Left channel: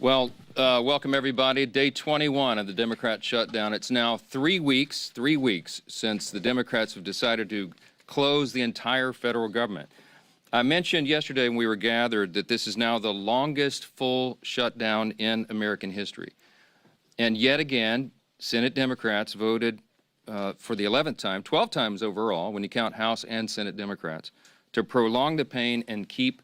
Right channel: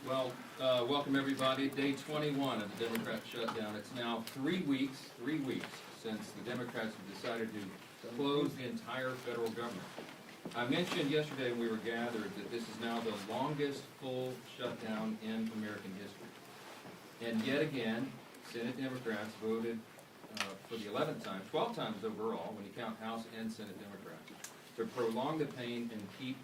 Welcome everybody. Day 21 of the Democrat shutdown. It's now 3 weeks since the Democrats have decided to close the entire federal government. I mentioned yesterday when we were gathered that this is now the longest full shutdown in American history. And yet again, Senate Democrats voted for the 11th time, 12 times overall, when you count House and Senate Democrats, to prolong the pain and keep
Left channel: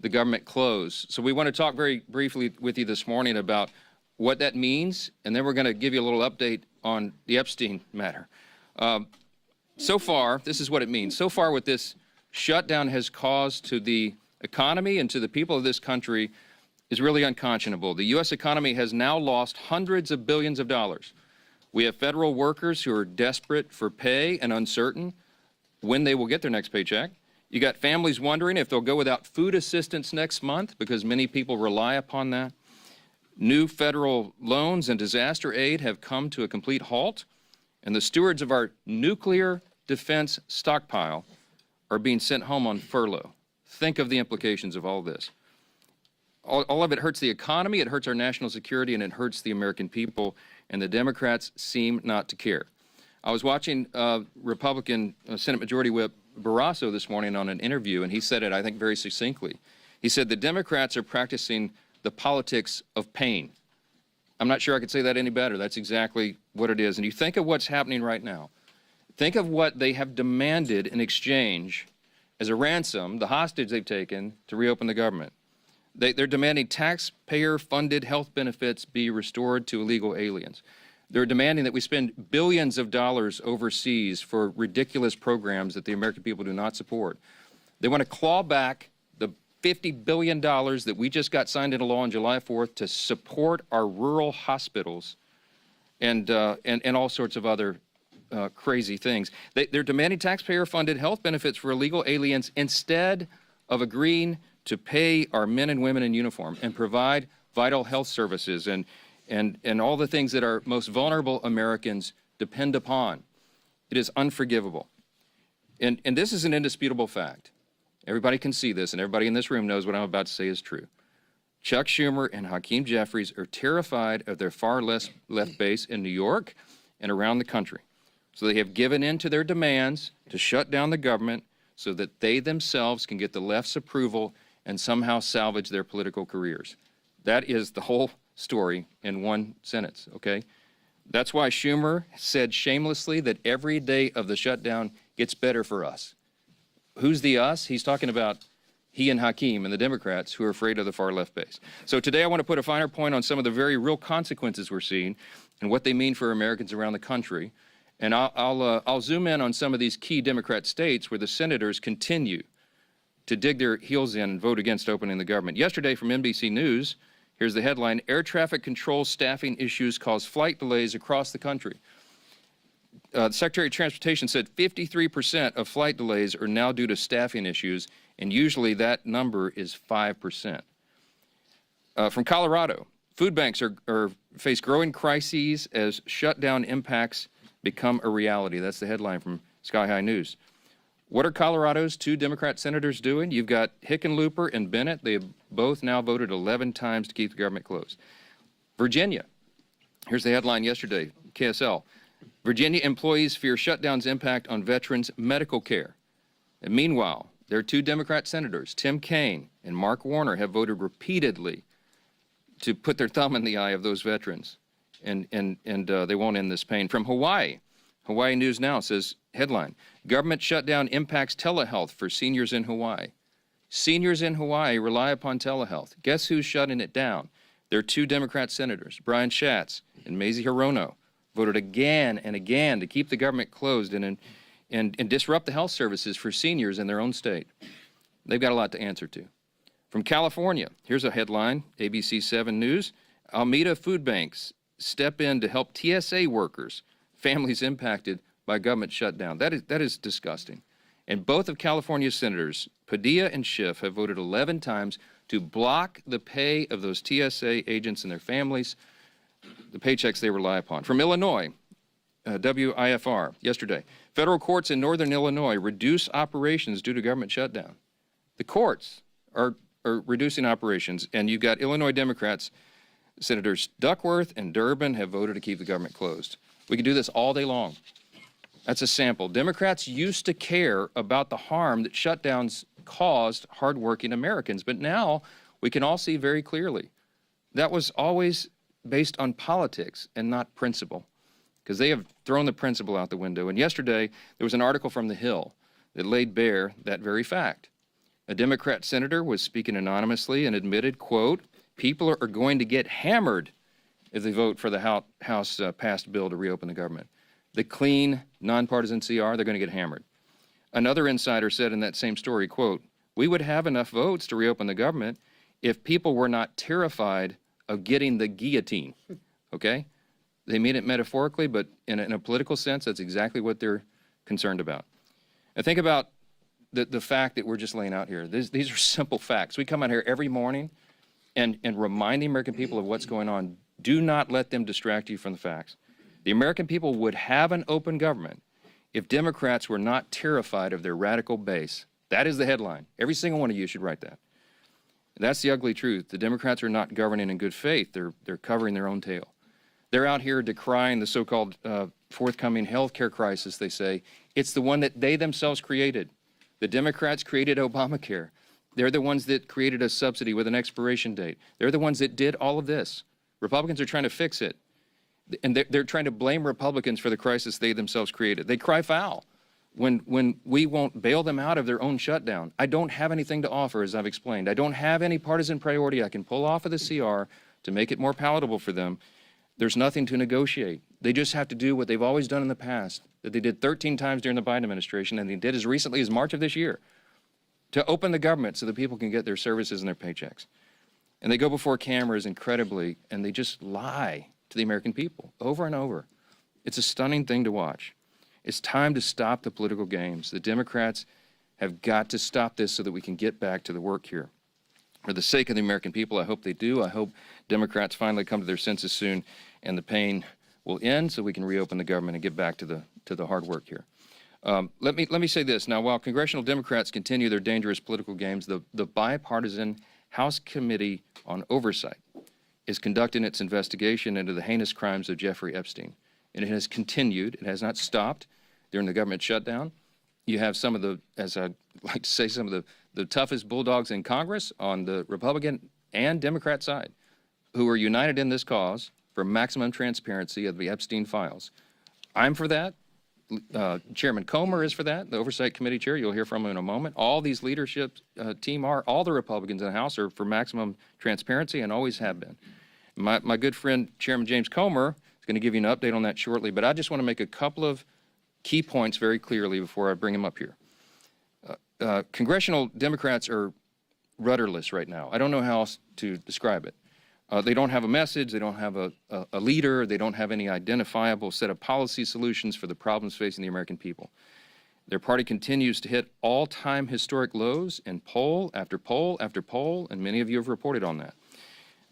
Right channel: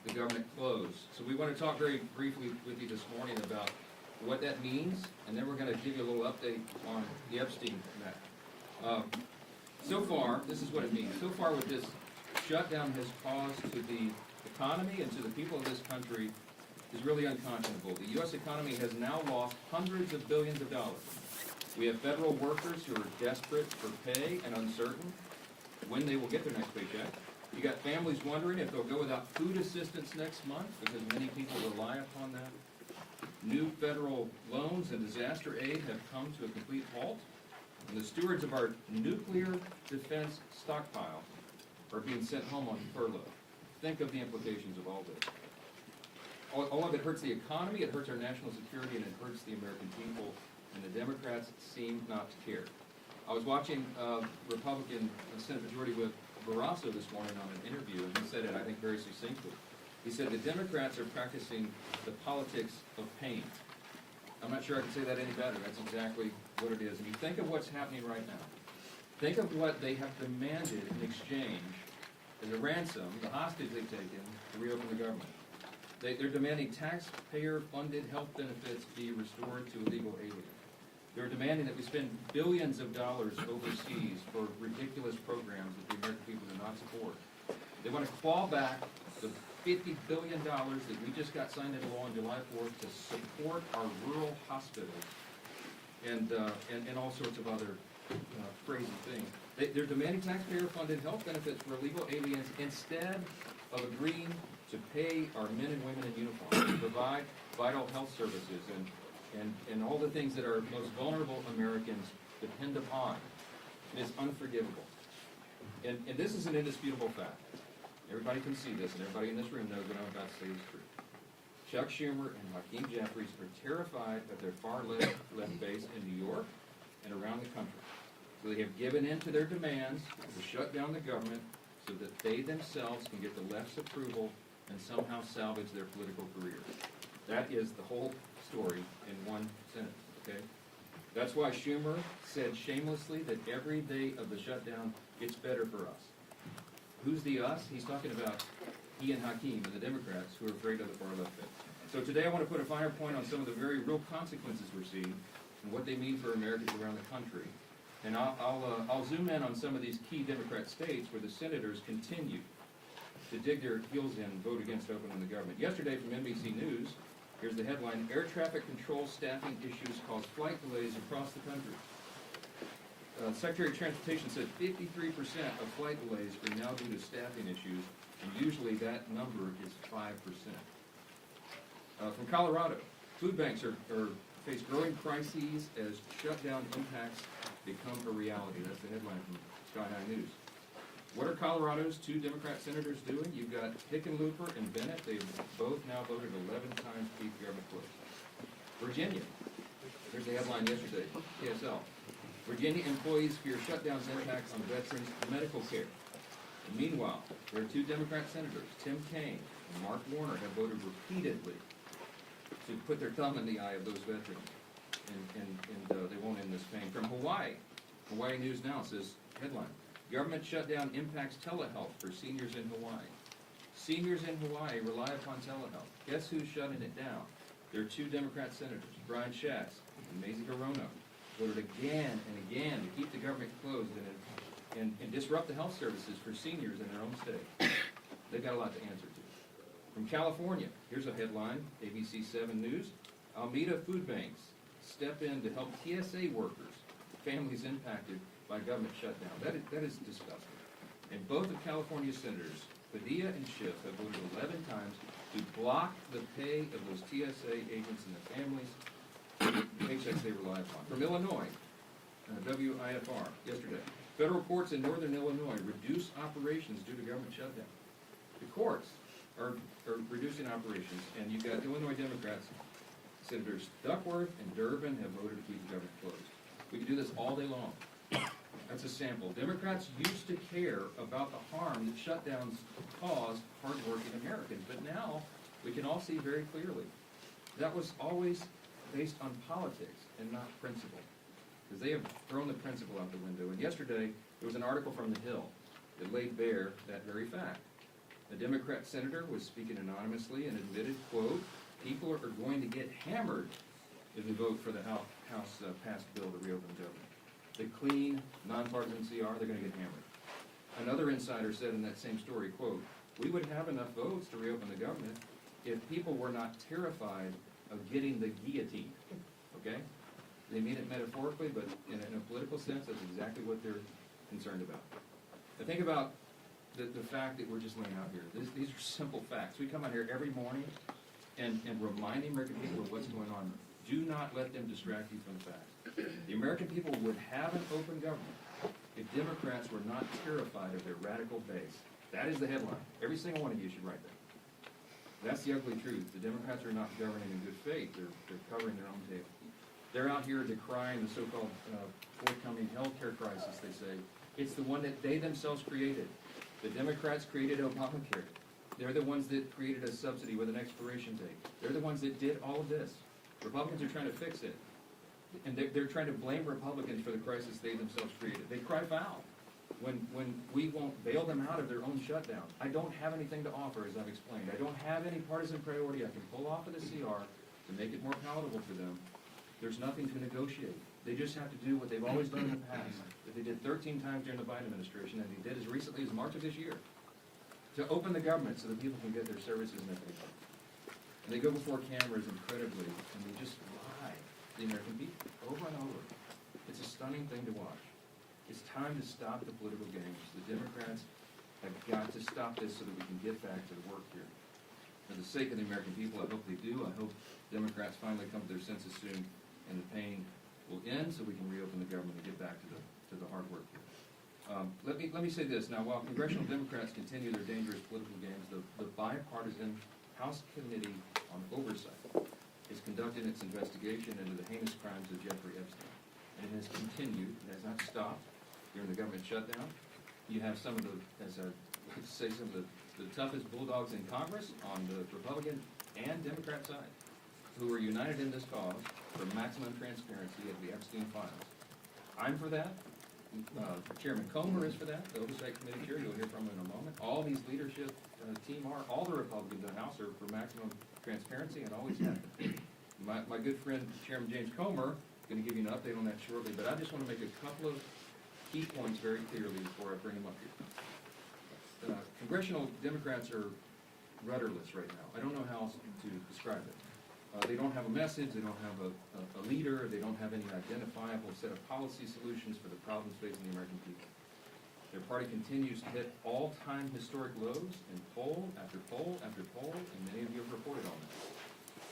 the government closed. So we want to talk very briefly with you this morning about what that means, and then we're going to give you a little update on the Epstein matter. So far, this is what it means. So far, what this shutdown has caused to the economy and to the people of this country is really unconscionable. The U.S. economy has now lost hundreds of billions of dollars. We have federal workers who are desperate for pay and uncertain when they will get their next paycheck. You got families wondering if they'll go without food assistance next month because many people rely upon that. New federal loans and disaster aid have come to a complete halt, and the stewards of our nuclear defense stockpile are being sent home on furlough. Think of the implications of all this. All of it hurts the economy, it hurts our national security, and it hurts the American people, and the Democrats seem not to care. I was watching Republican Senate Majority Whip Barrasso this morning on an interview, and he said it, I think, very succinctly. He said the Democrats are practicing the politics of pain. I'm not sure I could say that any better. That's exactly what it is. And you think of what's happening right now. Think of what they have demanded in exchange as a ransom, the hostage they've taken to reopen the government. They're demanding taxpayer-funded health benefits be restored to illegal aliens. They're demanding that we spend billions of dollars overseas for ridiculous programs that the American people do not support. They want to claw back the $50 billion that we just got signed into law on July 4th to support our rural hospitals and all sorts of other crazy things. They're demanding taxpayer-funded health benefits for illegal aliens instead of agreeing to pay our men and women in uniform and provide vital health services and all the things that our most vulnerable Americans depend upon. It is unforgivable. And this is an indisputable fact. Everybody can see this, and everybody in this room knows what I'm about to say is true. Chuck Schumer and Hakeem Jeffries are terrified of their far left base in New York and around the country. So they have given in to their demands to shut down the government so that they themselves can get the left's approval and somehow salvage their political careers. That is the whole story in one sentence, okay? That's why Schumer said shamelessly that every day of the shutdown gets better for us. Who's the us? He's talking about he and Hakeem and the Democrats who are afraid of the far left base. So today I want to put a finer point on some of the very real consequences we're seeing and what they mean for Americans around the country. And I'll zoom in on some of these key Democrat states where the senators continue to dig their heels in and vote against opening the government. Yesterday from NBC News, here's the headline: air traffic control staffing issues cause flight delays across the country. The Secretary of Transportation said 53% of flight delays are now due to staffing issues, and usually that number is 5%. From Colorado, food banks face growing crises as shutdown impacts become a reality. That's the headline from Sky High News. What are Colorado's two Democrat senators doing? You've got Hickenlooper and Bennett. They have both now voted 11 times to keep the government closed. Virginia. Here's the headline yesterday, KSL. Virginia employees fear shutdown's impact on veterans' medical care. And meanwhile, their two Democrat senators, Tim Kaine and Mark Warner, have voted repeatedly to put their thumb in the eye of those veterans. And they won't end this pain. From Hawaii, Hawaii News Now says, headline, government shutdown impacts telehealth for seniors in Hawaii. Seniors in Hawaii rely upon telehealth. Guess who's shutting it down? Their two Democrat senators, Brian Schatz and Mazie Hirono, voted again and again to keep the government closed and disrupt the health services for seniors in their own state. They've got a lot to answer to. From California, here's a headline, ABC 7 News. Alameda food banks step in to help TSA workers, families impacted by government shutdown. That is disgusting. And both of California's senators, Padilla and Schiff, have voted 11 times to block the pay of those TSA agents and their families, the paychecks they rely upon. From Illinois, WIFR, yesterday, federal courts in northern Illinois reduce operations due to government shutdown. The courts are reducing operations, and you've got Illinois Democrats Senators Duckworth and Durbin have voted to keep the government closed. We can do this all day long. That's a sample. Democrats used to care about the harm that shutdowns caused hardworking Americans, but now we can all see very clearly that was always based on politics and not principle, because they have thrown the principle out the window. And yesterday, there was an article from The Hill that laid bare that very fact. A Democrat senator was speaking anonymously and admitted, quote, people are going to get hammered if they vote for the House passed bill to reopen the government. The clean, nonpartisan CR, they're going to get hammered. Another insider said in that same story, quote, we would have enough votes to reopen the government if people were not terrified of getting the guillotine, okay? They mean it metaphorically, but in a political sense, that's exactly what they're concerned about. Now think about the fact that we're just laying out here. These are simple facts. We come out here every morning and remind the American people of what's going on. Do not let them distract you from the facts. The American people would have an open government if Democrats were not terrified of their radical base. That is the headline. Every single one of you should write that. That's the ugly truth. The Democrats are not governing in good faith. They're covering their own tail. They're out here decrying the so-called forthcoming health care crisis, they say. It's the one that they themselves created. The Democrats created Obamacare. They're the ones that created a subsidy with an expiration date. They're the ones that did all of this. Republicans are trying to fix it. And they're trying to blame Republicans for the crisis they themselves created. They cry foul when we won't bail them out of their own shutdown. I don't have anything to offer, as I've explained. I don't have any partisan priority I can pull off of the CR to make it more palatable for them. There's nothing to negotiate. They just have to do what they've always done in the past, that they did 13 times during the Biden administration, and they did as recently as March of this year, to open the government so that people can get their services and their paychecks. And they go before cameras incredibly, and they just lie to the American people over and over. It's a stunning thing to watch. It's time to stop the political games. The Democrats have got to stop this so that we can get back to the work here. For the sake of the American people, I hope they do. I hope Democrats finally come to their senses soon and the pain will end so we can reopen the government and get back to the hard work here. Let me say this. Now, while congressional Democrats continue their dangerous political games, the bipartisan House Committee on Oversight is conducting its investigation into the heinous crimes of Jeffrey Epstein. And it has continued. It has not stopped during the government shutdown. You have some of the, as I like to say, some of the toughest bulldogs in Congress on the Republican and Democrat side who are united in this cause for maximum transparency of the Epstein files. I'm for that. Chairman Comer is for that, the Oversight Committee chair. You'll hear from him in a moment. All these leadership team are, all the Republicans in the House are for maximum transparency and always have been. My good friend, Chairman James Comer, is going to give you an update on that shortly, but I just want to make a couple of key points very clearly before I bring him up here. Congressional Democrats are rudderless right now. I don't know how else to describe it. They don't have a message, they don't have a leader, they don't have any identifiable set of policy solutions for the problems facing the American people. Their party continues to hit all-time historic lows in poll after poll after poll, and many of you have reported on that.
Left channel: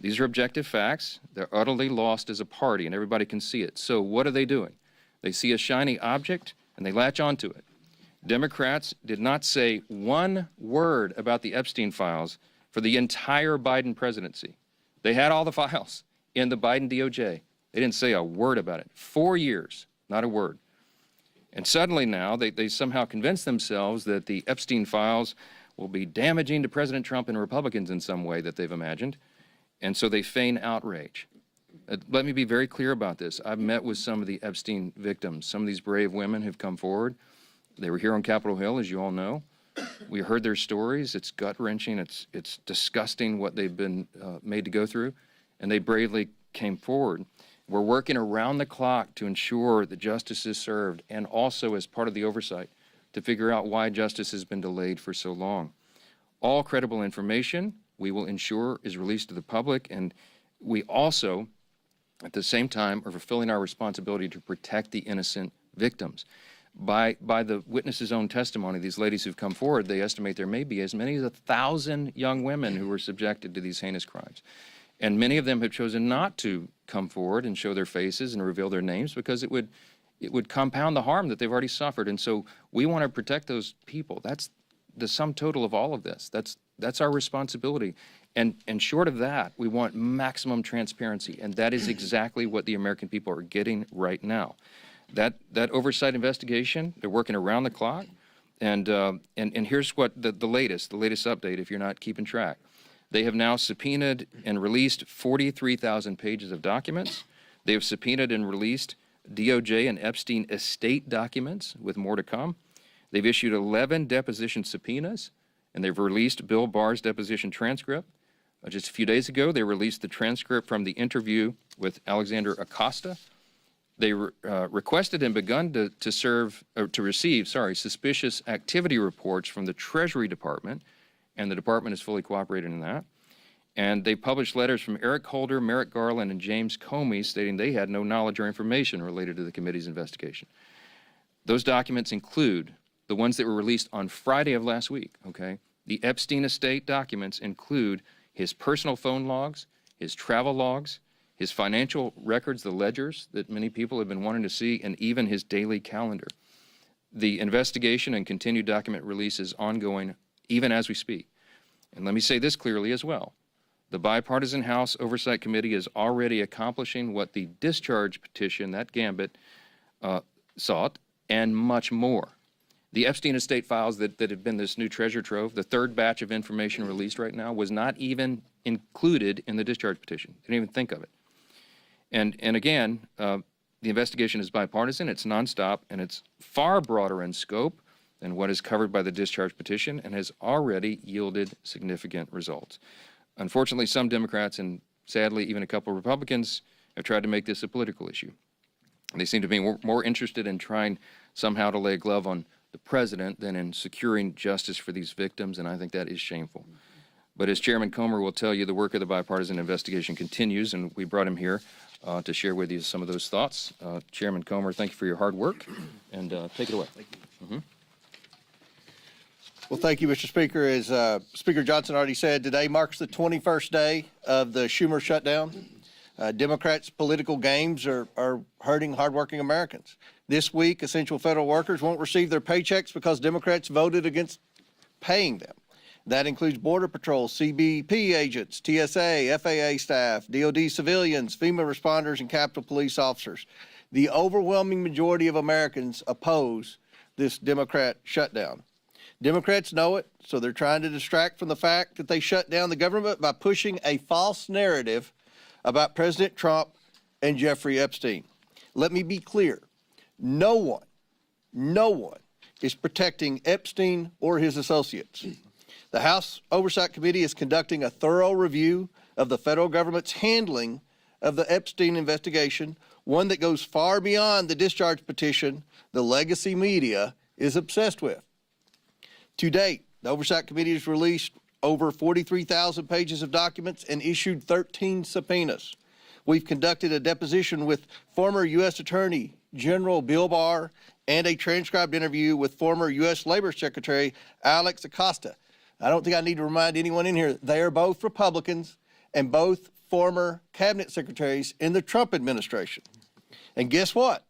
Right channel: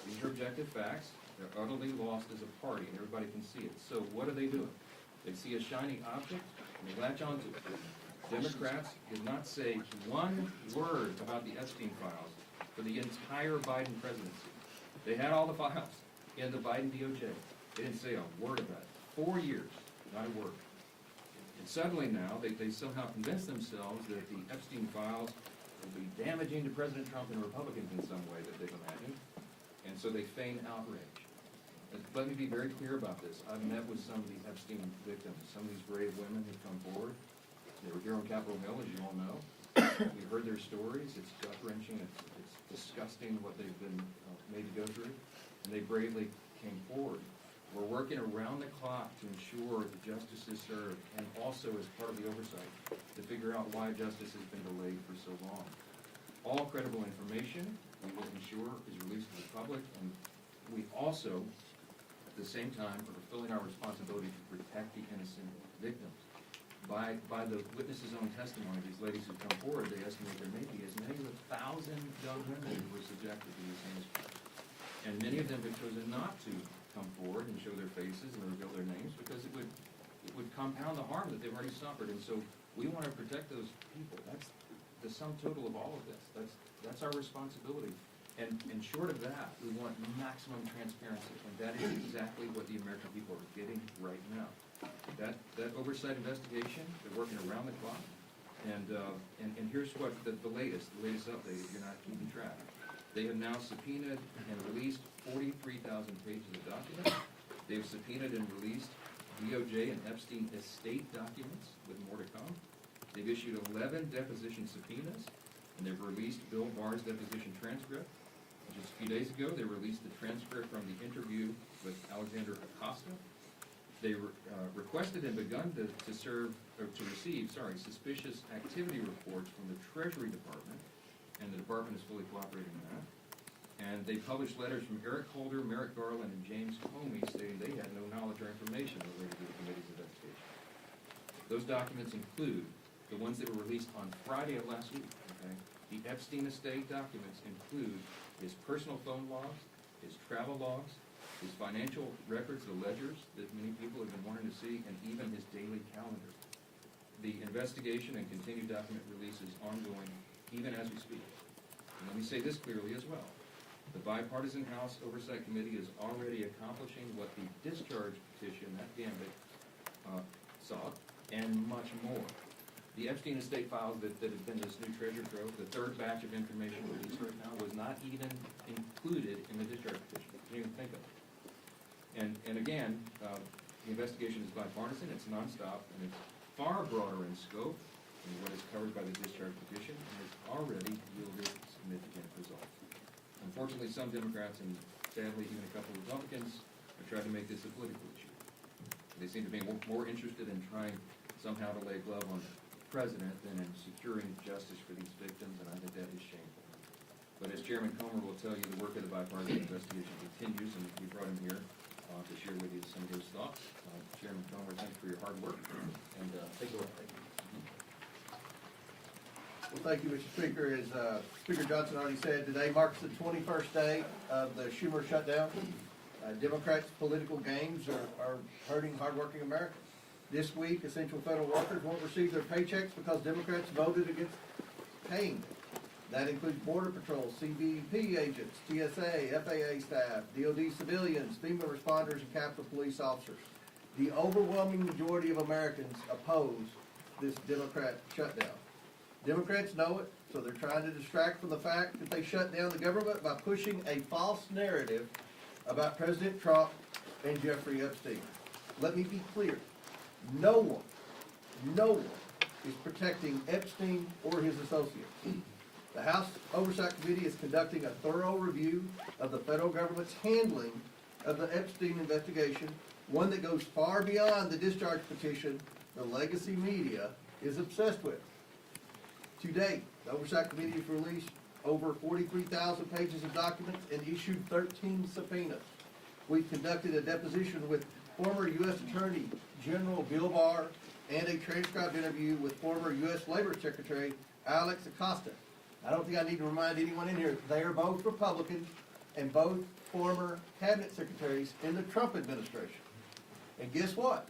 These are objective facts. They're utterly lost as a party, and everybody can see it. So what are they doing? They see a shiny object, and they latch onto it. Democrats did not say one word about the Epstein files for the entire Biden presidency. They had all the files in the Biden DOJ. They didn't say a word about it. 4 years, not a word. And suddenly now, they somehow convince themselves that the Epstein files will be damaging to President Trump and Republicans in some way that they've imagined, and so they feign outrage. Let me be very clear about this. I've met with some of the Epstein victims. Some of these brave women have come forward. They were here on Capitol Hill, as you all know. We heard their stories. It's gut-wrenching. It's disgusting what they've been made to go through, and they bravely came forward. We're working around the clock to ensure that justice is served, and also as part of the oversight to figure out why justice has been delayed for so long. All credible information we will ensure is released to the public, and we also, at the same time, are fulfilling our responsibility to protect the innocent victims. By the witnesses' own testimony, these ladies who've come forward, they estimate there may be as many as 1,000 young women who were subjected to these heinous crimes. And many of them have chosen not to come forward and show their faces and reveal their names because it would compound the harm that they've already suffered. And so we want to protect those people. That's the sum total of all of this. That's our responsibility. And short of that, we want maximum transparency, and that is exactly what the American people are getting right now. That oversight investigation, they're working around the clock, and here's what the latest update, if you're not keeping track. They have now subpoenaed and released 43,000 pages of documents. They have subpoenaed and released DOJ and Epstein estate documents, with more to come. They've issued 11 deposition subpoenas, and they've released Bill Barr's deposition transcript. Just a few days ago, they released the transcript from the interview with Alexander Acosta. They requested and begun to receive suspicious activity reports from the Treasury Department, and the department is fully cooperating in that. And they published letters from Eric Holder, Merrick Garland, and James Comey stating they had no knowledge or information related to the committee's investigation. Those documents include the ones that were released on Friday of last week, okay? The Epstein estate documents include his personal phone logs, his travel logs, his financial records, the ledgers that many people have been wanting to see, and even his daily calendar. The investigation and continued document release is ongoing even as we speak. And let me say this clearly as well. The bipartisan House Oversight Committee is already accomplishing what the discharge petition, that gambit, sought, and much more. The Epstein estate files that have been this new treasure trove, the third batch of information released right now, was not even included in the discharge petition. You didn't even think of it. And again, the investigation is bipartisan, it's nonstop, and it's far broader in scope than what is covered by the discharge petition, and has already yielded significant results. Unfortunately, some Democrats, and sadly even a couple of Republicans, have tried to make this a political issue. They seem to be more interested in trying somehow to lay a glove on the president than in securing justice for these victims, and I think that is shameful. But as Chairman Comer will tell you, the work of the bipartisan investigation continues, and we brought him here to share with you some of those thoughts. Chairman Comer, thank you for your hard work, and take it away. Well, thank you, Mr. Speaker. As Speaker Johnson already said, today marks the 21st day of the Schumer shutdown. Democrats' political games are hurting hardworking Americans. This week, essential federal workers won't receive their paychecks because Democrats voted against paying them. That includes Border Patrol, CBP agents, TSA, FAA staff, DOD civilians, FEMA responders, and Capitol Police officers. The overwhelming majority of Americans oppose this Democrat shutdown. Democrats know it, so they're trying to distract from the fact that they shut down the government by pushing a false narrative about President Trump and Jeffrey Epstein. Let me be clear. No one is protecting Epstein or his associates. The House Oversight Committee is conducting a thorough review of the federal government's handling of the Epstein investigation, one that goes far beyond the discharge petition the legacy media is obsessed with. To date, the Oversight Committee has released over 43,000 pages of documents and issued 13 subpoenas. We've conducted a deposition with former U.S. Attorney General Bill Barr and a transcribed interview with former U.S. Labor Secretary Alex Acosta. I don't think I need to remind anyone in here, they are both Republicans and both former cabinet secretaries in the Trump administration. And guess what?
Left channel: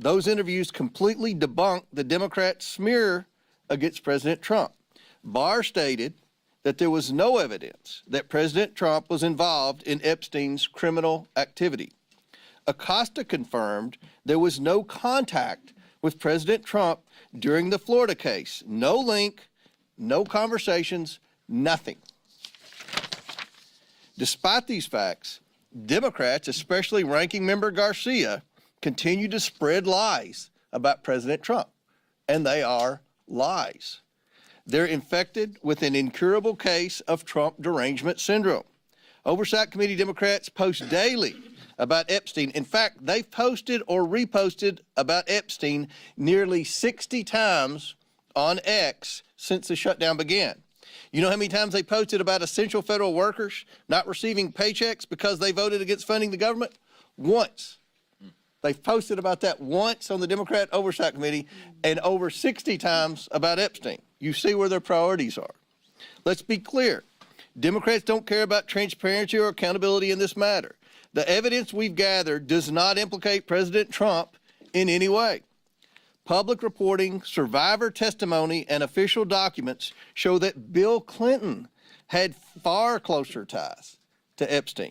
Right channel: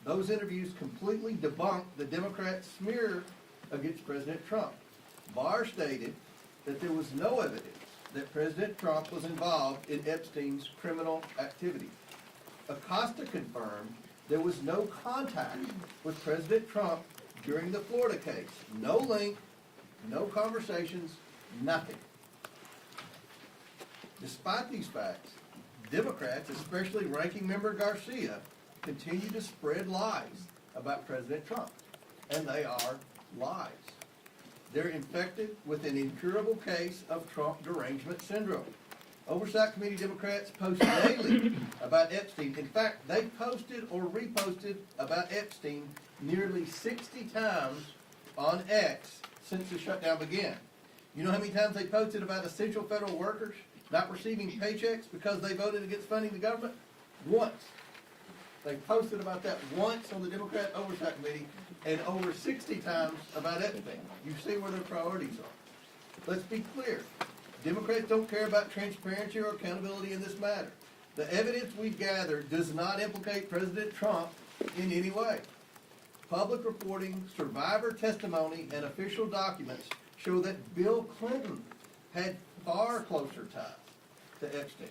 Those interviews completely debunked the Democrat smear against President Trump. Barr stated that there was no evidence that President Trump was involved in Epstein's criminal activity. Acosta confirmed there was no contact with President Trump during the Florida case. No link, no conversations, nothing. Despite these facts, Democrats, especially Ranking Member Garcia, continue to spread lies about President Trump, and they are lies. They're infected with an incurable case of Trump derangement syndrome. Oversight Committee Democrats post daily about Epstein. In fact, they've posted or reposted about Epstein nearly 60 times on X since the shutdown began. You know how many times they posted about essential federal workers not receiving paychecks because they voted against funding the government? Once. They've posted about that once on the Democrat Oversight Committee, and over 60 times about Epstein. You see where their priorities are. Let's be clear. Democrats don't care about transparency or accountability in this matter. The evidence we've gathered does not implicate President Trump in any way. Public reporting, survivor testimony, and official documents show that Bill Clinton had far closer ties to Epstein.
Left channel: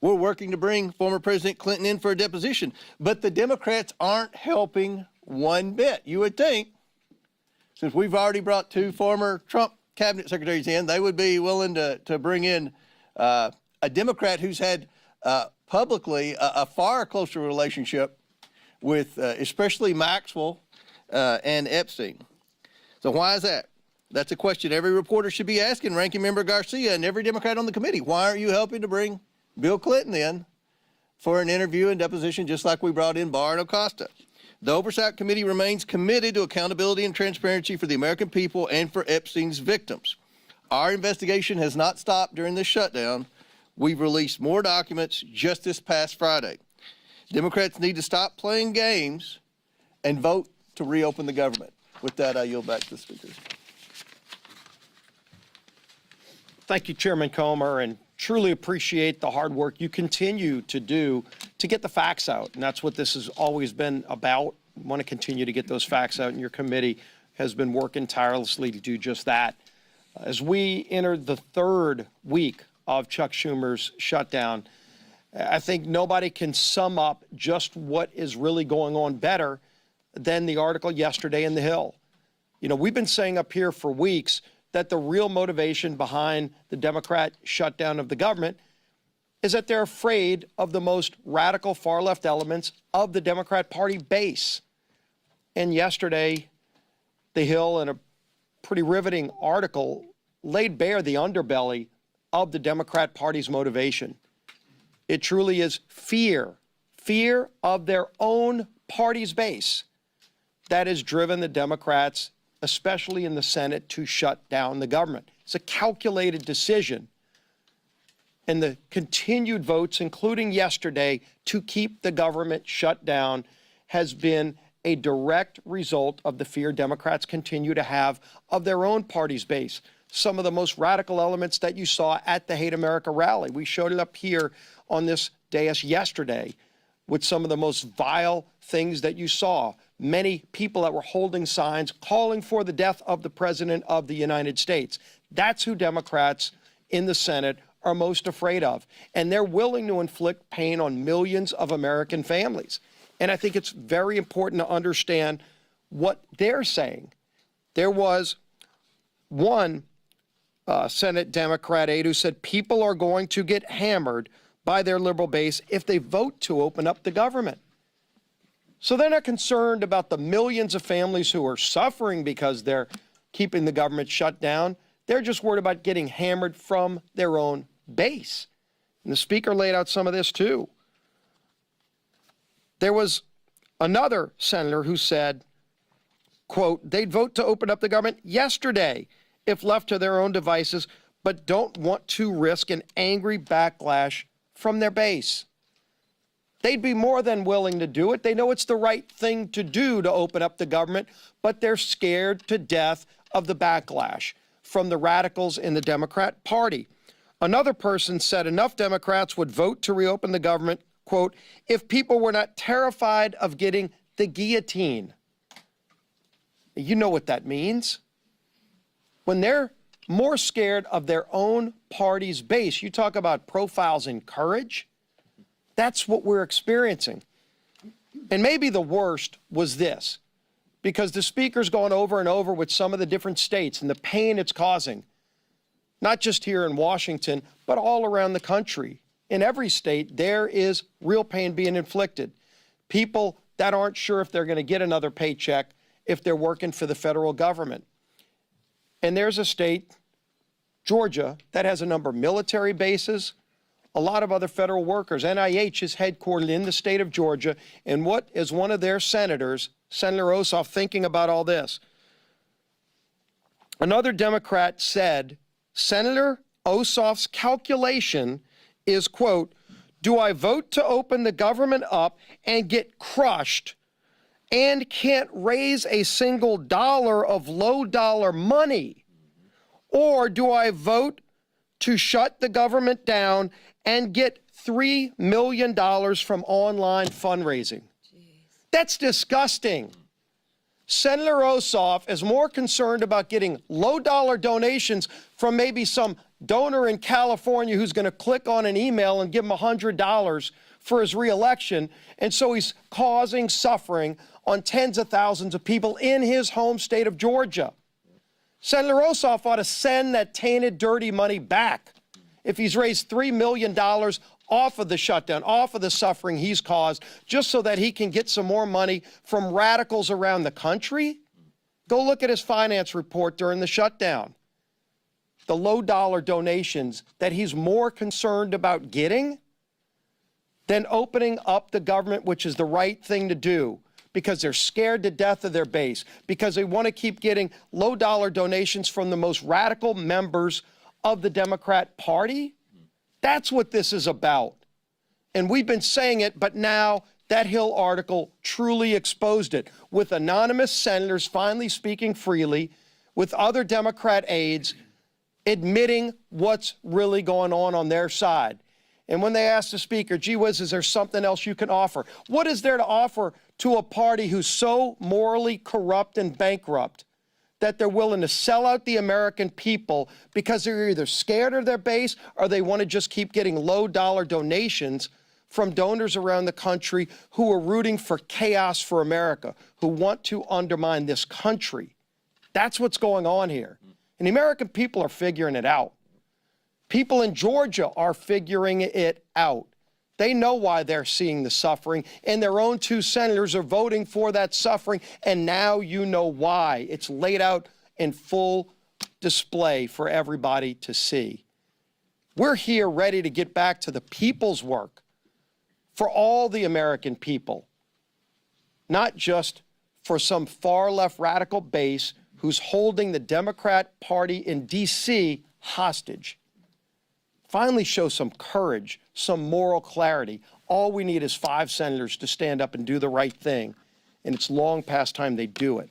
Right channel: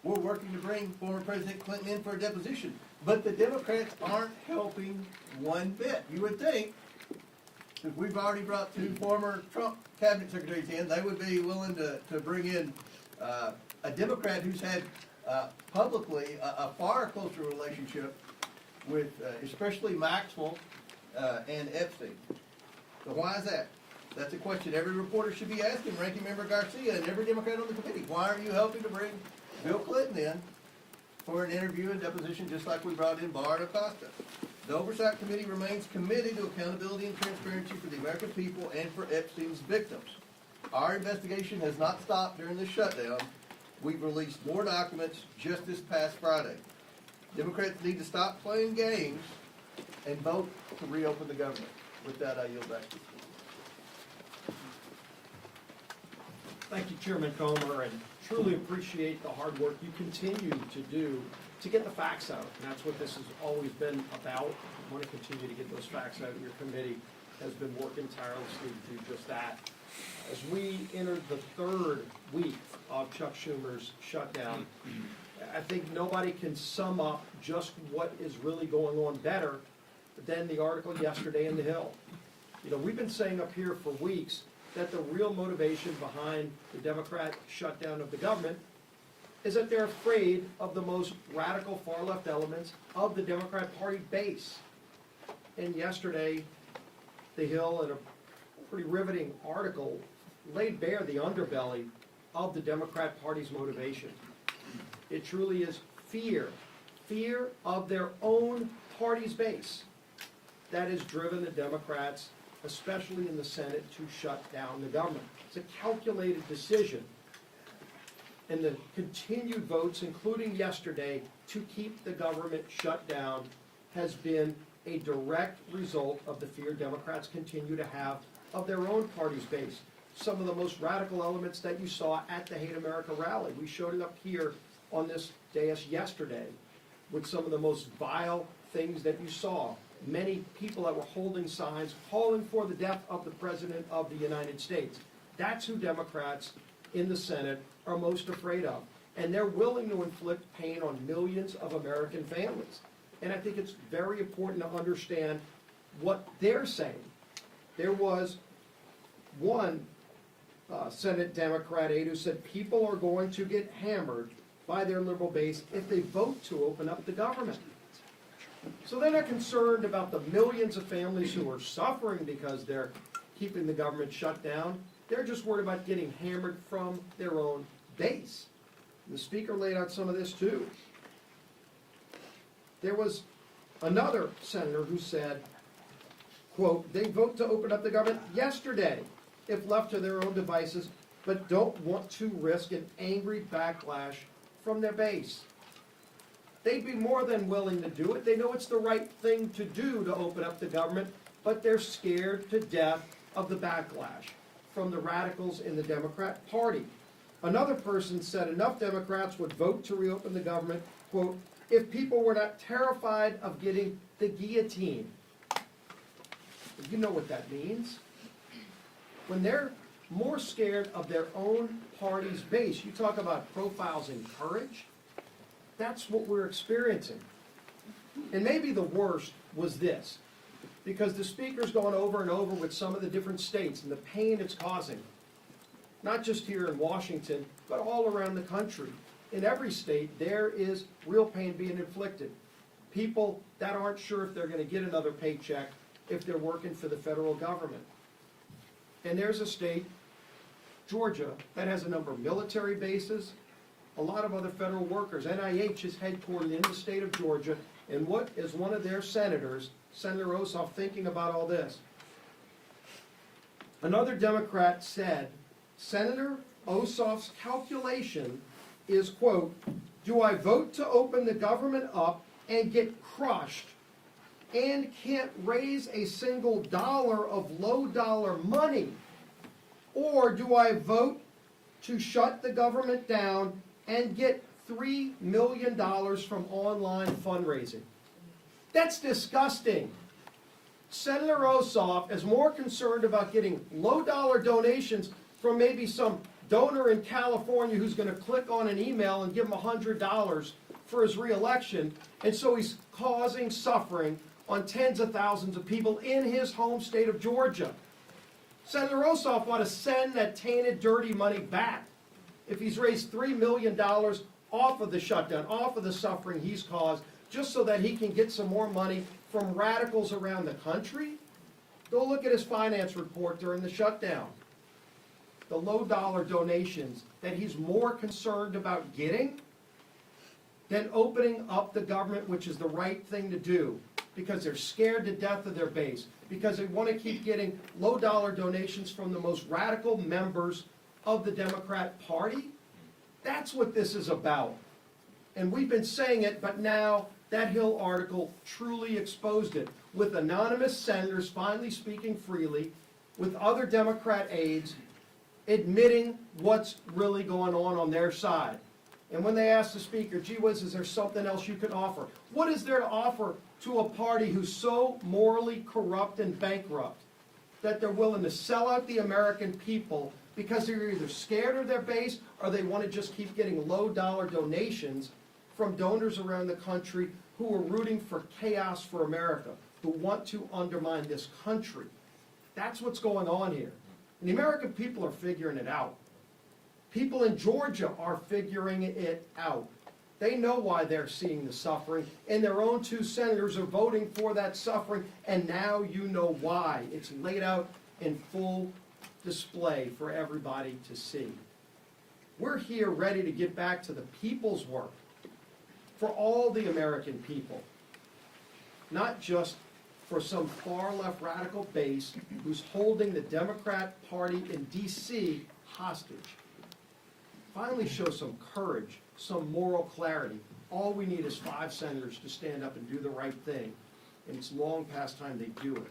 We're working to bring former President Clinton in for a deposition, but the Democrats aren't helping one bit. You would think, since we've already brought 2 former Trump cabinet secretaries in, they would be willing to bring in a Democrat who's had publicly a far closer relationship with especially Maxwell and Epstein. So why is that? That's a question every reporter should be asking Ranking Member Garcia and every Democrat on the committee. Why aren't you helping to bring Bill Clinton in for an interview and deposition just like we brought in Barr and Acosta? The Oversight Committee remains committed to accountability and transparency for the American people and for Epstein's victims. Our investigation has not stopped during this shutdown. We've released more documents just this past Friday. Democrats need to stop playing games and vote to reopen the government. With that, I yield back to the speakers. Thank you, Chairman Comer, and truly appreciate the hard work you continue to do to get the facts out. And that's what this has always been about. I want to continue to get those facts out, and your committee has been working tirelessly to do just that. As we enter the 3rd week of Chuck Schumer's shutdown, I think nobody can sum up just what is really going on better than the article yesterday in The Hill. You know, we've been saying up here for weeks that the real motivation behind the Democrat shutdown of the government is that they're afraid of the most radical far-left elements of the Democrat Party base. And yesterday, The Hill, in a pretty riveting article, laid bare the underbelly of the Democrat Party's motivation. It truly is fear of their own party's base that has driven the Democrats, especially in the Senate, to shut down the government. It's a calculated decision. And the continued votes, including yesterday, to keep the government shut down has been a direct result of the fear Democrats continue to have of their own party's base. Some of the most radical elements that you saw at the Hate America rally. We showed it up here on this dais yesterday with some of the most vile things that you saw. Many people that were holding signs calling for the death of the President of the United States. That's who Democrats in the Senate are most afraid of. And they're willing to inflict pain on millions of American families. And I think it's very important to understand what they're saying. There was one Senate Democrat aide who said people are going to get hammered by their liberal base if they vote to open up the government. So they're not concerned about the millions of families who are suffering because they're keeping the government shut down. They're just worried about getting hammered from their own base. And the Speaker laid out some of this too. There was another senator who said, quote, they'd vote to open up the government yesterday if left to their own devices, but don't want to risk an angry backlash from their base. They'd be more than willing to do it. They know it's the right thing to do to open up the government, but they're scared to death of the backlash from the radicals in the Democrat Party. Another person said enough Democrats would vote to reopen the government, quote, if people were not terrified of getting the guillotine. You know what that means. When they're more scared of their own party's base, you talk about profiles in courage, that's what we're experiencing. And maybe the worst was this, because the Speaker's gone over and over with some of the different states and the pain it's causing, not just here in Washington, but all around the country. In every state, there is real pain being inflicted. People that aren't sure if they're going to get another paycheck if they're working for the federal government. And there's a state, Georgia, that has a number of military bases, a lot of other federal workers. NIH is headquartered in the state of Georgia. And what is one of their senators, Senator Ossoff, thinking about all this? Another Democrat said, Senator Ossoff's calculation is, quote, do I vote to open the government up and get crushed and can't raise a single dollar of low dollar money? Or do I vote to shut the government down and get $3 million from online fundraising? That's disgusting. Senator Ossoff is more concerned about getting low dollar donations from maybe some donor in California who's going to click on an email and give him $100 for his reelection. And so he's causing suffering on tens of thousands of people in his home state of Georgia. Senator Ossoff ought to send that tainted, dirty money back if he's raised $3 million off of the shutdown, off of the suffering he's caused, just so that he can get some more money from radicals around the country. Go look at his finance report during the shutdown. The low-dollar donations that he's more concerned about getting than opening up the government, which is the right thing to do, because they're scared to death of their base, because they want to keep getting low-dollar donations from the most radical members of the Democrat Party. That's what this is about. And we've been saying it, but now that Hill article truly exposed it, with anonymous senators finally speaking freely, with other Democrat aides admitting what's really going on their side. And when they asked the speaker, gee whiz, is there something else you can offer? What is there to offer to a party who's so morally corrupt and bankrupt that they're willing to sell out the American people because they're either scared of their base or they want to just keep getting low-dollar donations from donors around the country who are rooting for chaos for America, who want to undermine this country? That's what's going on here. And the American people are figuring it out. People in Georgia are figuring it out. They know why they're seeing the suffering, and their own two senators are voting for that suffering, and now you know why. It's laid out in full display for everybody to see. We're here ready to get back to the people's work for all the American people, not just for some far-left radical base who's holding the Democrat Party in D.C. hostage. Finally show some courage, some moral clarity. All we need is 5 senators to stand up and do the right thing, and it's long past time they do it.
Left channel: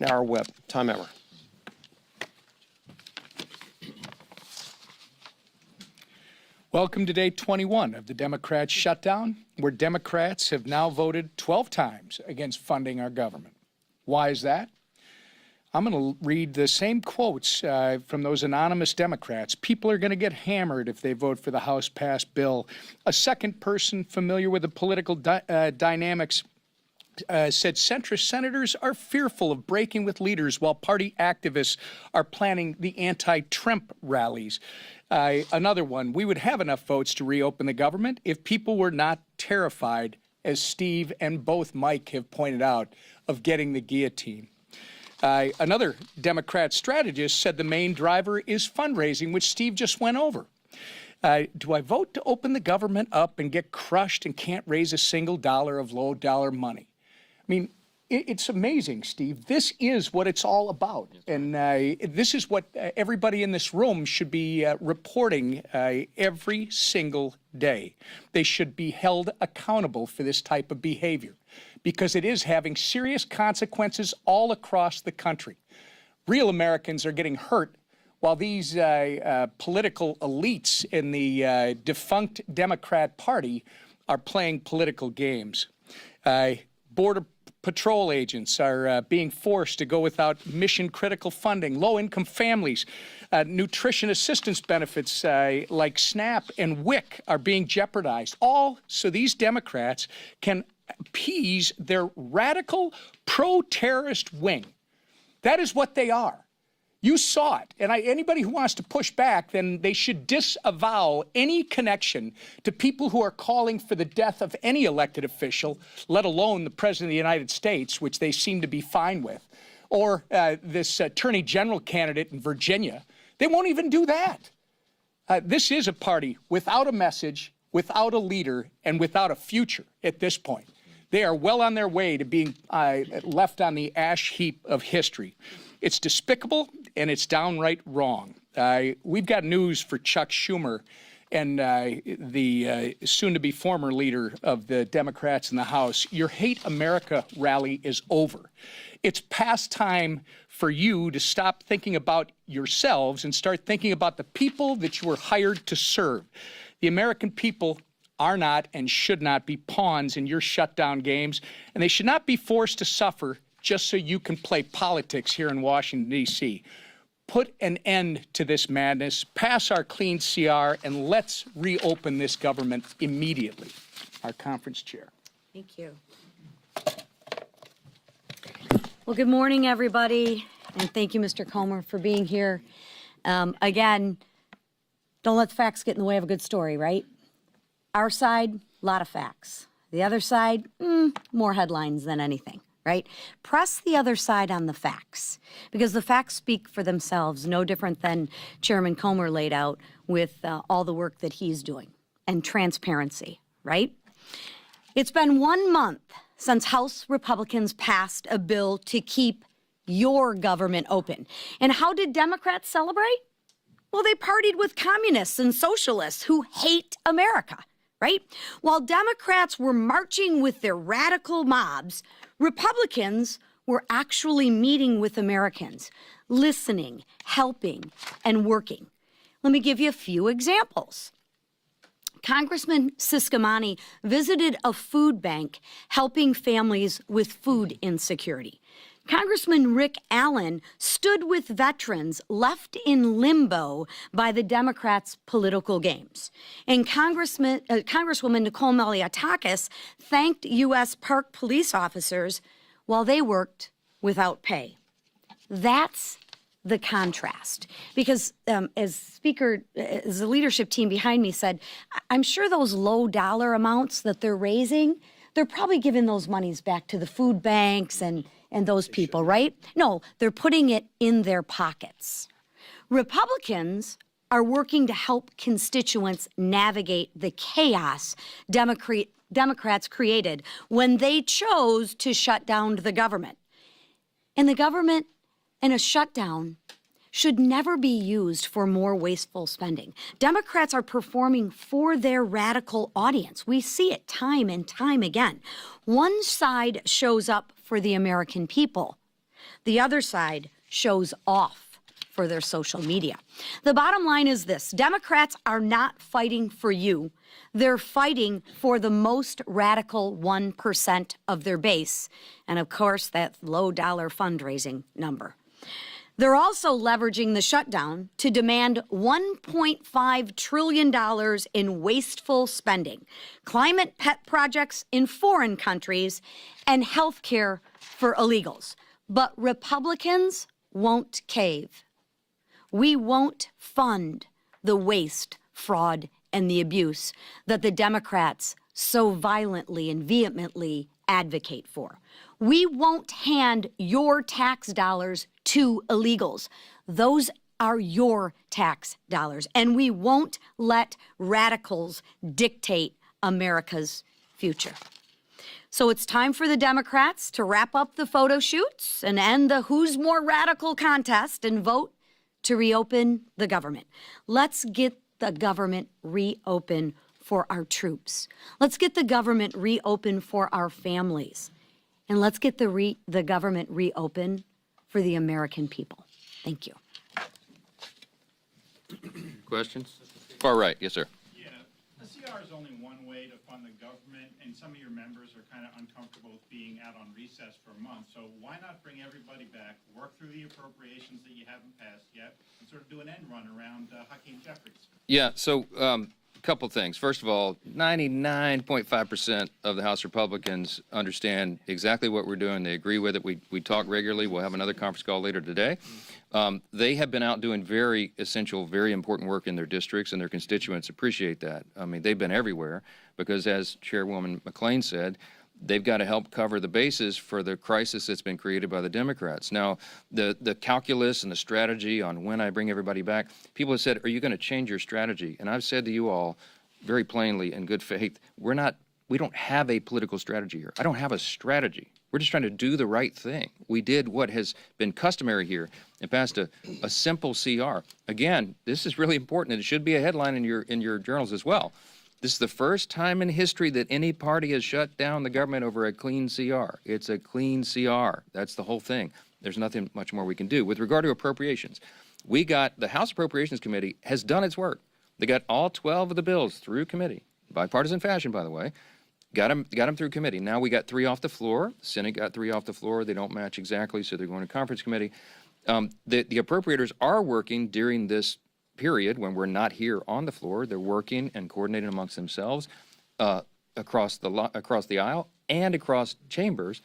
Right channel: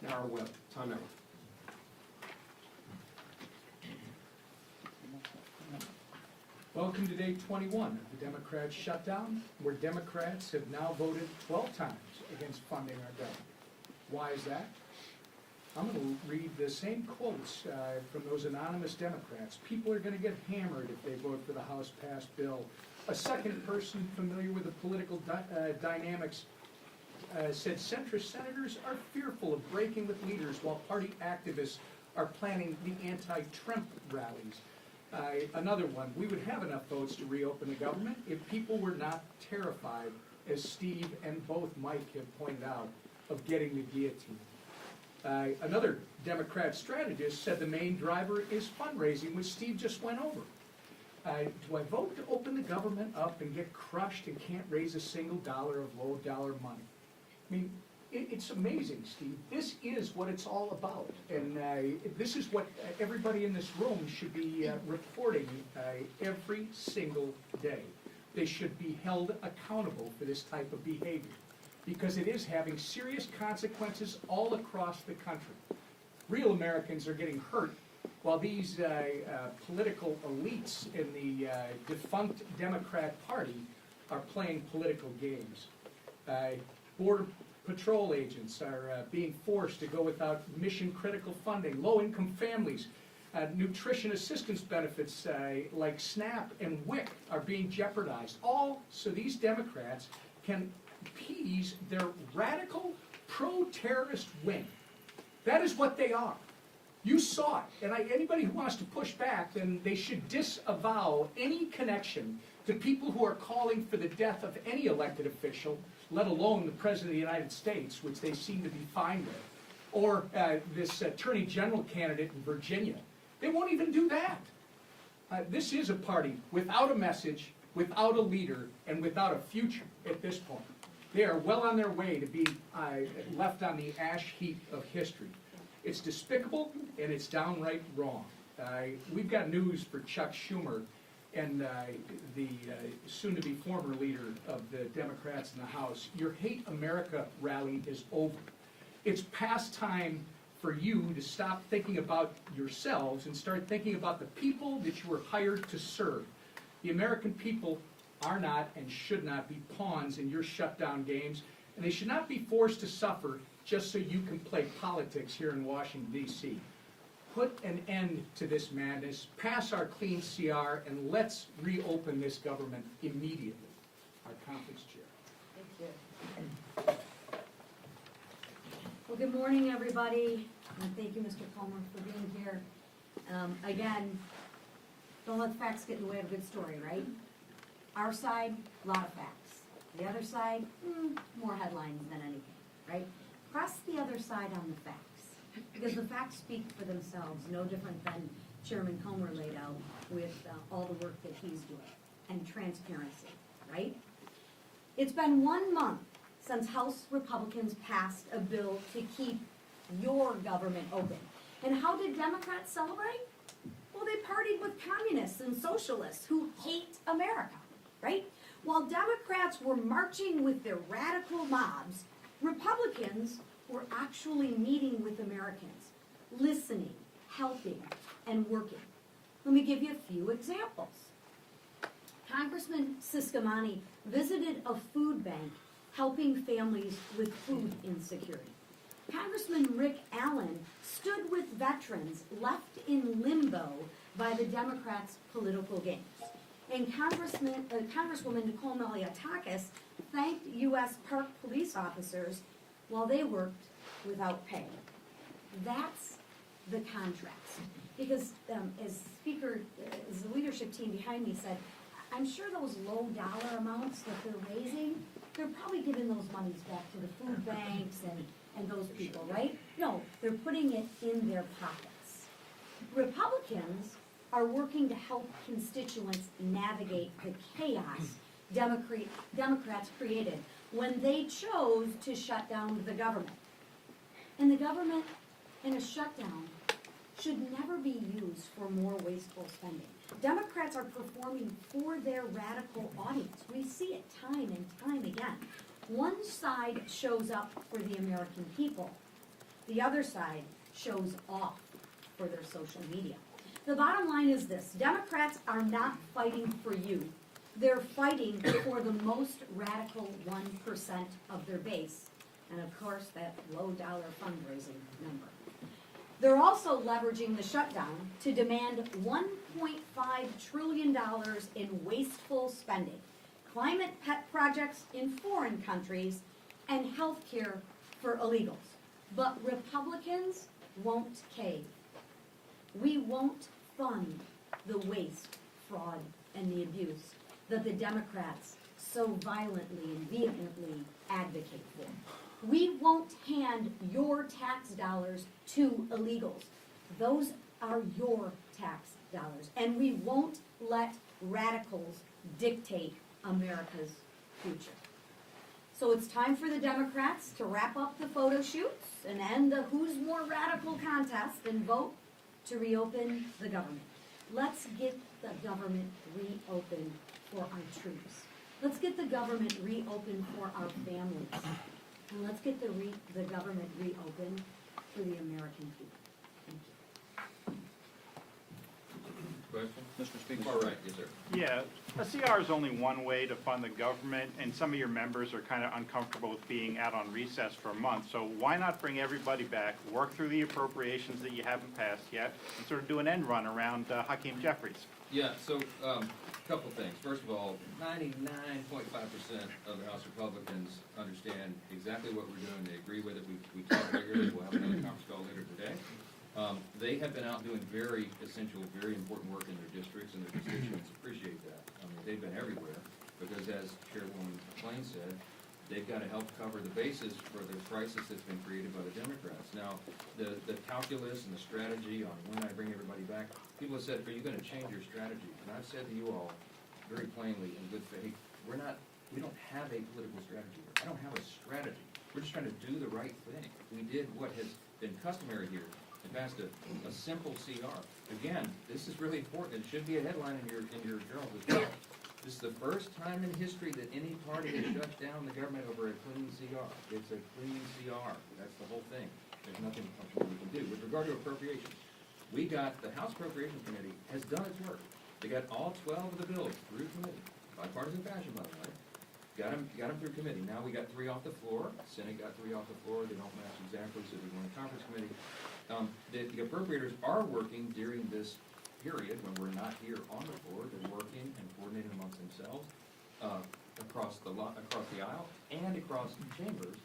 Now our whip, Tom Emmer. Welcome to day 21 of the Democrats' shutdown, where Democrats have now voted 12 times against funding our government. Why is that? I'm going to read the same quotes from those anonymous Democrats. People are going to get hammered if they vote for the House-passed bill. A second person familiar with the political dynamics said centrist senators are fearful of breaking with leaders while party activists are planning the anti-Trump rallies. Another one, we would have enough votes to reopen the government if people were not terrified, as Steve and both Mike have pointed out, of getting the guillotine. Another Democrat strategist said the main driver is fundraising, which Steve just went over. Do I vote to open the government up and get crushed and can't raise a single dollar of low-dollar money? I mean, it's amazing, Steve. This is what it's all about. And this is what everybody in this room should be reporting every single day. They should be held accountable for this type of behavior, because it is having serious consequences all across the country. Real Americans are getting hurt while these political elites in the defunct Democrat Party are playing political games. Border Patrol agents are being forced to go without mission-critical funding. Low-income families, nutrition assistance benefits like SNAP and WIC are being jeopardized, all so these Democrats can appease their radical pro-terrorist wing. That is what they are. You saw it. And anybody who wants to push back, then they should disavow any connection to people who are calling for the death of any elected official, let alone the President of the United States, which they seem to be fine with, or this Attorney General candidate in Virginia. They won't even do that. This is a party without a message, without a leader, and without a future at this point. They are well on their way to being left on the ash heap of history. It's despicable, and it's downright wrong. We've got news for Chuck Schumer and the soon-to-be former leader of the Democrats in the House. Your Hate America rally is over. It's past time for you to stop thinking about yourselves and start thinking about the people that you were hired to serve. The American people are not and should not be pawns in your shutdown games, and they should not be forced to suffer just so you can play politics here in Washington, D.C. put an end to this madness, pass our clean CR, and let's reopen this government immediately. Our conference chair. Thank you. Well, good morning, everybody, and thank you, Mr. Comer, for being here. Again, don't let the facts get in the way of a good story, right? Our side, a lot of facts. The other side, more headlines than anything, right? Press the other side on the facts, because the facts speak for themselves, no different than Chairman Comer laid out with all the work that he's doing, and transparency, right? It's been 1 month since House Republicans passed a bill to keep your government open. And how did Democrats celebrate? Well, they partied with communists and socialists who hate America, right? While Democrats were marching with their radical mobs, Republicans were actually meeting with Americans, listening, helping, and working. Let me give you a few examples. Congressman Siscomani visited a food bank helping families with food insecurity. Congressman Rick Allen stood with veterans left in limbo by the Democrats' political games. And Congresswoman Nicole Malliotakis thanked U.S. Park police officers while they worked without pay. That's the contrast. Because as the leadership team behind me said, I'm sure those low dollar amounts that they're raising, they're probably giving those monies back to the food banks and those people, right? No, they're putting it in their pockets. Republicans are working to help constituents navigate the chaos Democrats created when they chose to shut down the government. And the government and a shutdown should never be used for more wasteful spending. Democrats are performing for their radical audience. We see it time and time again. One side shows up for the American people. The other side shows off for their social media. The bottom line is this: Democrats are not fighting for you. They're fighting for the most radical 1% of their base, and of course, that low-dollar fundraising number. They're also leveraging the shutdown to demand $1.5 trillion in wasteful spending, climate pet projects in foreign countries, and health care for illegals. But Republicans won't cave. We won't fund the waste, fraud, and the abuse that the Democrats so violently and vehemently advocate for. We won't hand your tax dollars to illegals. Those are your tax dollars. And we won't let radicals dictate America's future. So it's time for the Democrats to wrap up the photo shoots and end the who's more radical contest and vote to reopen the government. Let's get the government reopened for our troops. Let's get the government reopened for our families. And let's get the government reopened for the American people. Thank you. Questions? Far right, yes, sir. Yeah, a CR is only one way to fund the government, and some of your members are kind of uncomfortable with being out on recess for a month. So why not bring everybody back, work through the appropriations that you haven't passed yet, and sort of do an end run around Hakeem Jeffries? Yeah, so couple things. First of all, 99.5% of the House Republicans understand exactly what we're doing. They agree with it. We talk regularly. We'll have another conference call later today. They have been out doing very essential, very important work in their districts, and their constituents appreciate that. I mean, they've been everywhere because, as Chairwoman McClain said, they've got to help cover the bases for the crisis that's been created by the Democrats. Now, the calculus and the strategy on when I bring everybody back, people have said, are you going to change your strategy? And I've said to you all very plainly, in good faith, we don't have a political strategy here. I don't have a strategy. We're just trying to do the right thing. We did what has been customary here and passed a simple CR. Again, this is really important, and it should be a headline in your journals as well. This is the first time in history that any party has shut down the government over a clean CR. It's a clean CR. That's the whole thing. There's nothing much more we can do. With regard to appropriations, the House Appropriations Committee has done its work. They got all 12 of the bills through committee, bipartisan fashion, by the way. Got them through committee. Now we got 3 off the floor. Senate got 3 off the floor. They don't match exactly, so they're going to conference committee. The appropriators are working during this period when we're not here on the floor. They're working and coordinating amongst themselves across the aisle and across chambers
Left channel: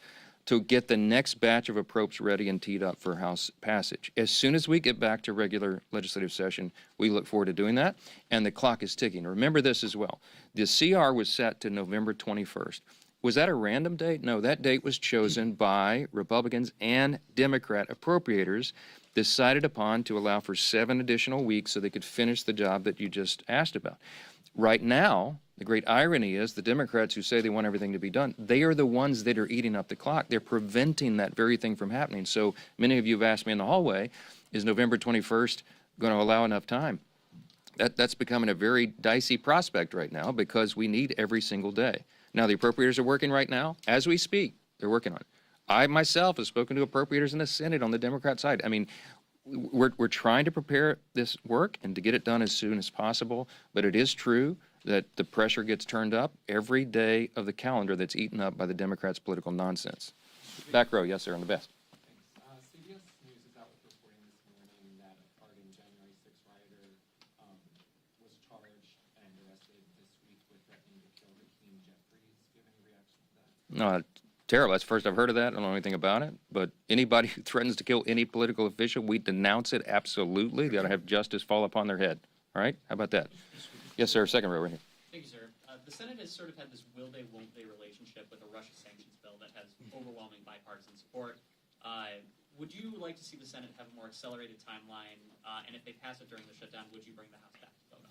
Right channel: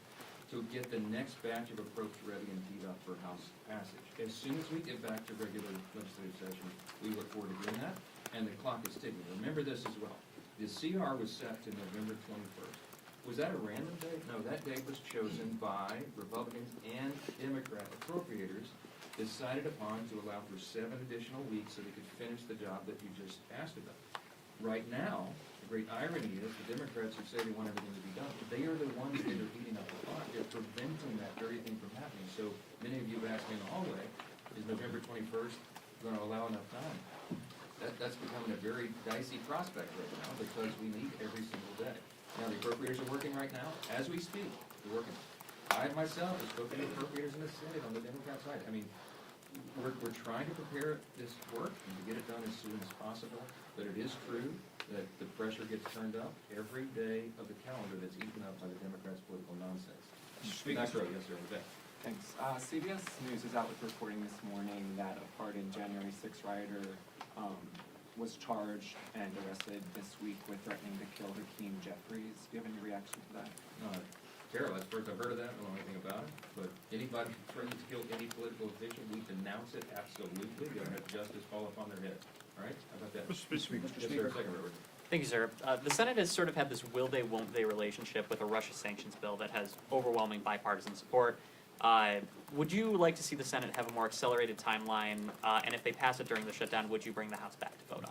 to get the next batch of approps ready and teed up for House passage. As soon as we get back to regular legislative session, we look forward to doing that, and the clock is ticking. Remember this as well. The CR was set to November 21st. Was that a random date? No, that date was chosen by Republicans and Democrat appropriators, decided upon to allow for 7 additional weeks so they could finish the job that you just asked about. Right now, the great irony is the Democrats who say they want everything to be done, they are the ones that are eating up the clock. They're preventing that very thing from happening. So many of you have asked me in the hallway, is November 21st going to allow enough time? That's becoming a very dicey prospect right now because we need every single day. Now, the appropriators are working right now. As we speak, they're working on it. I myself have spoken to appropriators in the Senate on the Democrat side. I mean, we're trying to prepare this work and to get it done as soon as possible, but it is true that the pressure gets turned up every day of the calendar that's eaten up by the Democrats' political nonsense. Back row, yes, sir, on the best. Thanks. CBS News is out with reporting this morning that a part in January 6th rioter was charged and arrested this week with threatening to kill Hakeem Jeffries. Do you have any reaction to that? No, terrible. That's the first I've heard of that. I don't know anything about it. But anybody who threatens to kill any political official, we denounce it absolutely. They ought to have justice fall upon their head. All right? How about that? Yes, sir. Second row right here. Thank you, sir. The Senate has sort of had this will they, won't they relationship with a Russia sanctions bill that has overwhelming bipartisan support. Would you like to see the Senate have a more accelerated timeline? And if they pass it during the shutdown, would you bring the House back to vote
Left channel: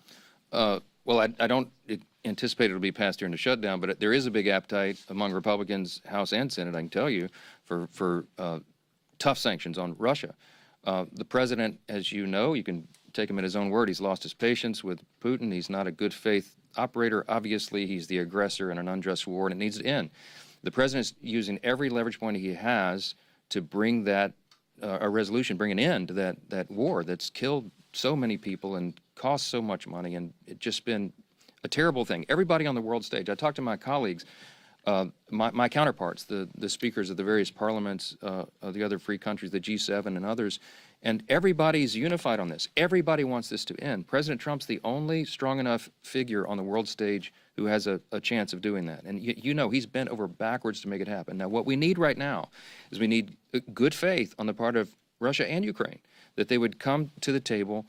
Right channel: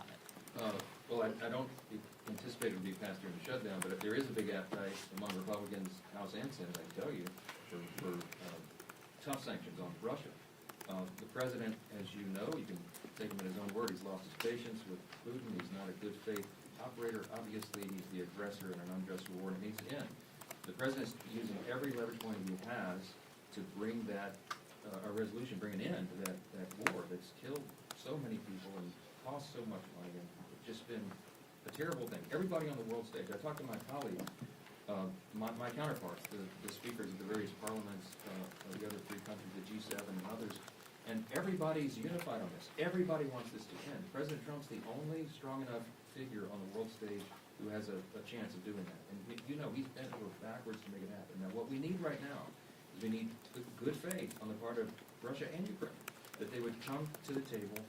on it? Well, I don't anticipate it'll be passed during the shutdown, but there is a big appetite among Republicans, House and Senate, I can tell you, for tough sanctions on Russia. The president, as you know, you can take him at his own word, he's lost his patience with Putin. He's not a good faith operator. Obviously, he's the aggressor in an unjust war, and it needs to end. The president's using every leverage point he has to bring that a resolution, bring an end to that war that's killed so many people and cost so much money, and it's just been a terrible thing. Everybody on the world stage, I talked to my colleagues, my counterparts, the speakers of the various parliaments of the other free countries, the G7 and others, and everybody's unified on this. Everybody wants this to end. President Trump's the only strong enough figure on the world stage who has a chance of doing that. And you know he's bent over backwards to make it happen. Now, what we need right now is we need good faith on the part of Russia and Ukraine, that they would come to the table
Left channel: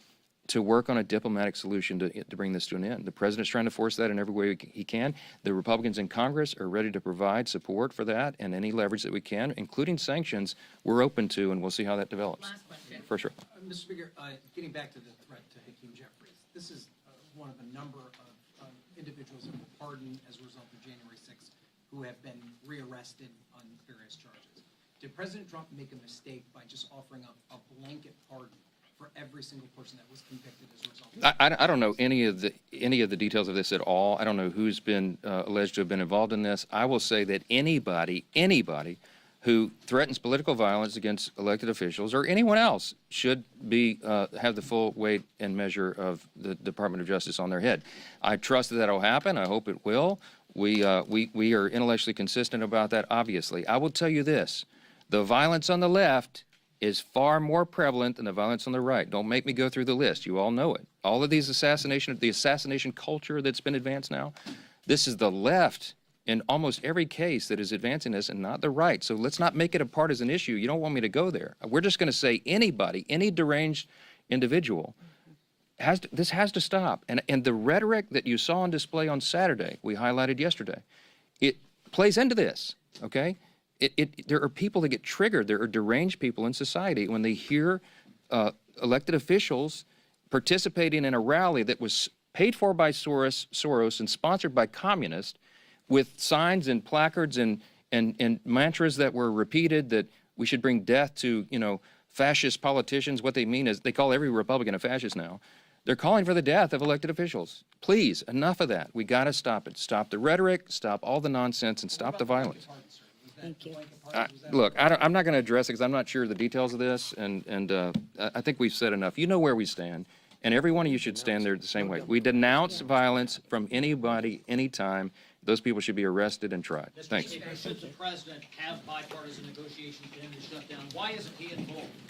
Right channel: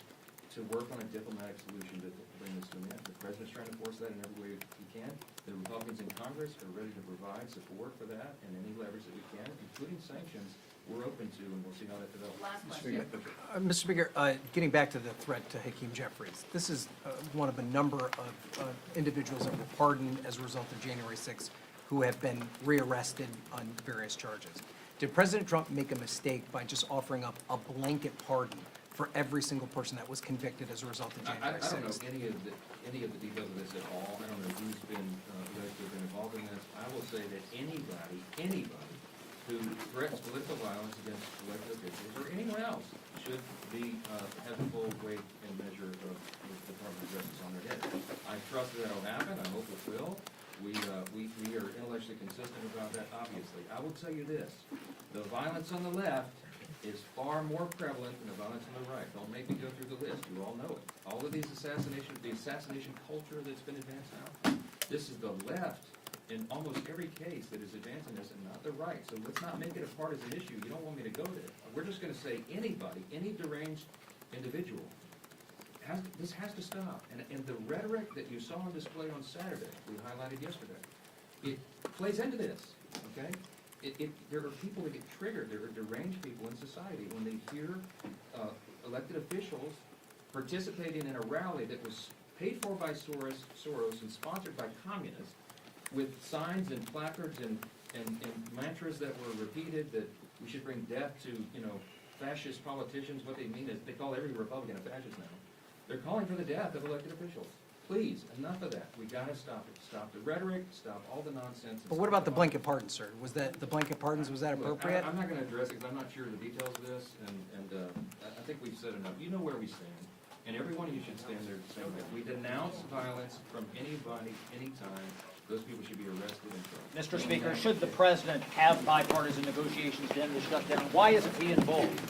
to work on a diplomatic solution to bring this to an end. The president's trying to force that in every way he can. The Republicans in Congress are ready to provide support for that, and any leverage that we can, including sanctions, we're open to, and we'll see how that develops. For sure. Mr. Speaker, getting back to the threat to Hakeem Jeffries, this is one of a number of individuals that were pardoned as a result of January 6th who have been rearrested on various charges. Did President Trump make a mistake by just offering up a blanket pardon for every single person that was convicted as a result of January 6th? I don't know any of the details of this at all. I don't know who's been alleged to have been involved in this. I will say that anybody who threatens political violence against elected officials or anyone else should be have the full weight and measure of the Department of Justice on their head. I trust that will happen. I hope it will. We are intellectually consistent about that, obviously. I will tell you this. The violence on the left is far more prevalent than the violence on the right. Don't make me go through the list. You all know it. All of these the assassination culture that's been advanced now, this is the left in almost every case that is advancing this and not the right. So let's not make it a partisan issue. You don't want me to go there. We're just going to say anybody, any deranged individual, this has to stop. And the rhetoric that you saw on display on Saturday, we highlighted yesterday, it plays into this, okay? There are people that get triggered. There are deranged people in society when they hear elected officials participating in a rally that was paid for by Soros and sponsored by communists with signs and placards and mantras that were repeated that we should bring death to, fascist politicians. What they mean is they call every Republican a fascist now. They're calling for the death of elected officials. Please, enough of that. We got to stop it. Stop the rhetoric, stop all the nonsense, and But stop what the about violence. the blanket pardon, sir? Was that the blanket pardons? Was that Look, appropriate? I'm not going to address it because I'm not sure of the details of this, and I think we've said enough. You know where we stand, and every one of you should stand there the same way. We denounce violence from anybody, anytime. Those people should be arrested and tried. Mr. Thanks. Speaker, should the president have bipartisan negotiations to end the shutdown? Why isn't he involved?